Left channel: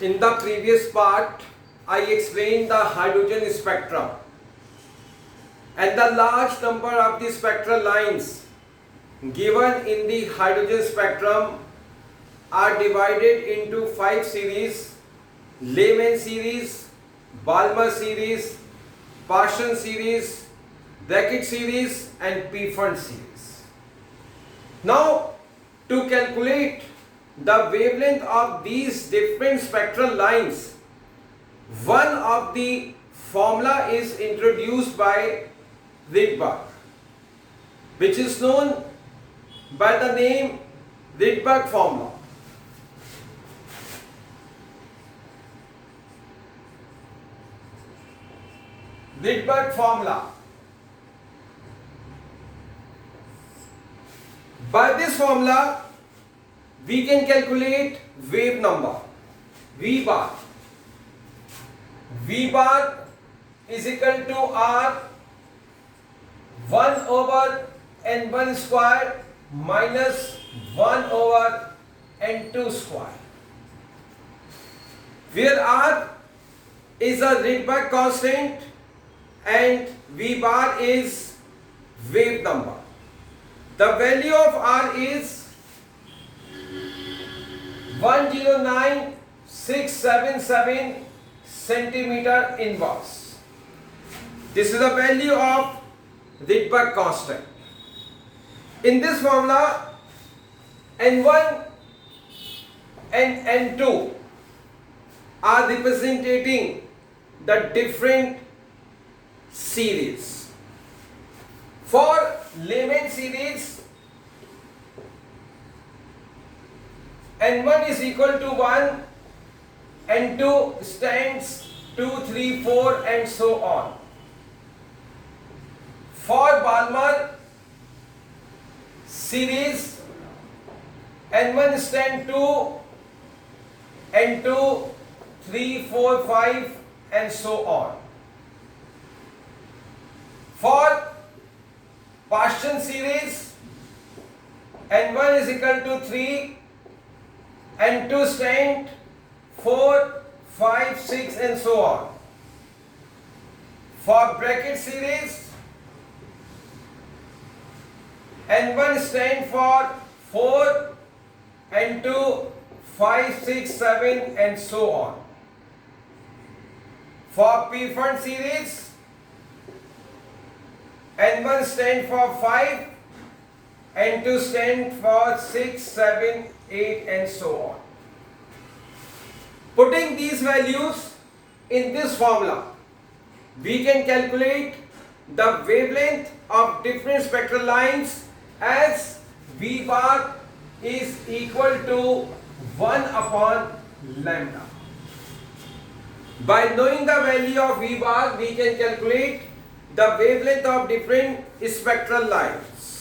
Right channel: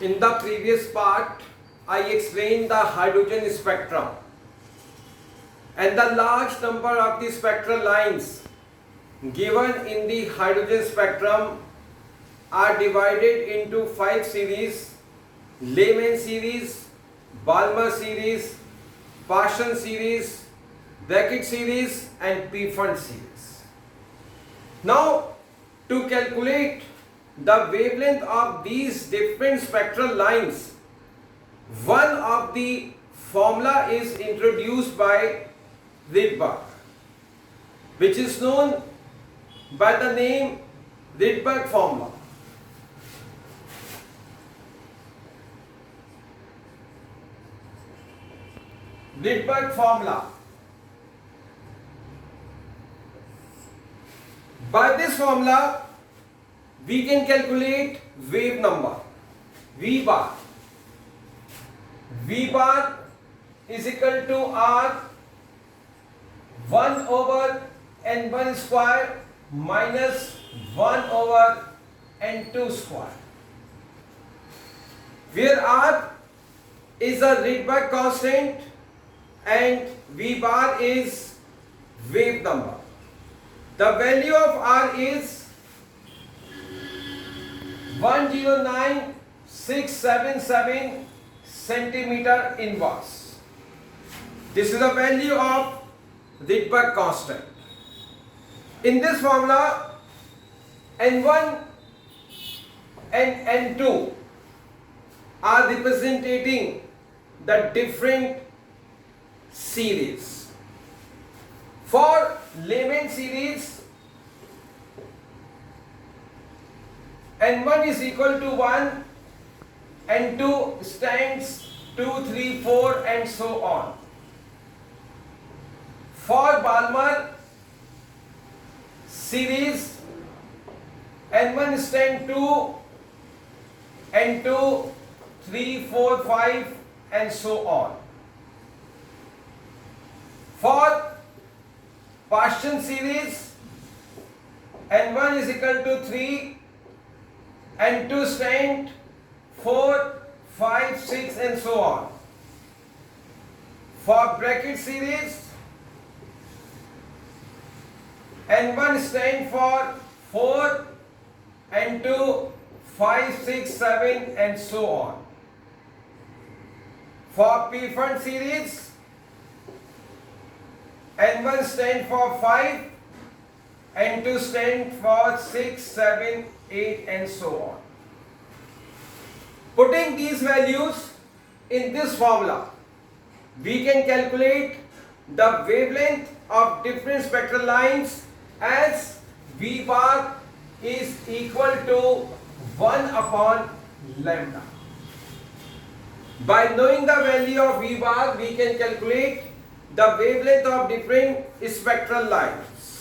In the previous part, I explained the hydrogen spectrum, and the large number of the spectral lines given in the hydrogen spectrum are divided into 5 series: Lehman series, Balmer series, Paschen series, Brackett series, and Pfund series. Now, to calculate the wavelength of these different spectral lines, one of the formula is introduced by Rydberg, which is known by the name Rydberg formula. Rydberg formula. By this formula, we can calculate wave number V bar. V bar is equal to R 1 over N1 square minus 1 over N2 square, where R is a Rydberg constant and V bar is wave number. The value of R is 109,677 centimeter inverse. This is the value of Rydberg constant. In this formula, N1 and N2 are representing the different series. For Lehman series, N1 is equal to 1, N2 stands 2, 3, 4 and so on. For Balmer series, N1 stands 2, N2 3, 4, 5 and so on. For Paschen series, N1 is equal to 3, N2 stand 4, 5, 6 and so on. For Brackett series, N1 stand for 4, N2 5, 6, 7 and so on. For Pfund series, N1 stand for 5, N2 stand for 6, 7, 8 and so on. Putting these values in this formula, we can calculate the wavelength of different spectral lines as V bar is equal to 1 upon lambda. By knowing the value of V bar, we can calculate the wavelength of different spectral lines.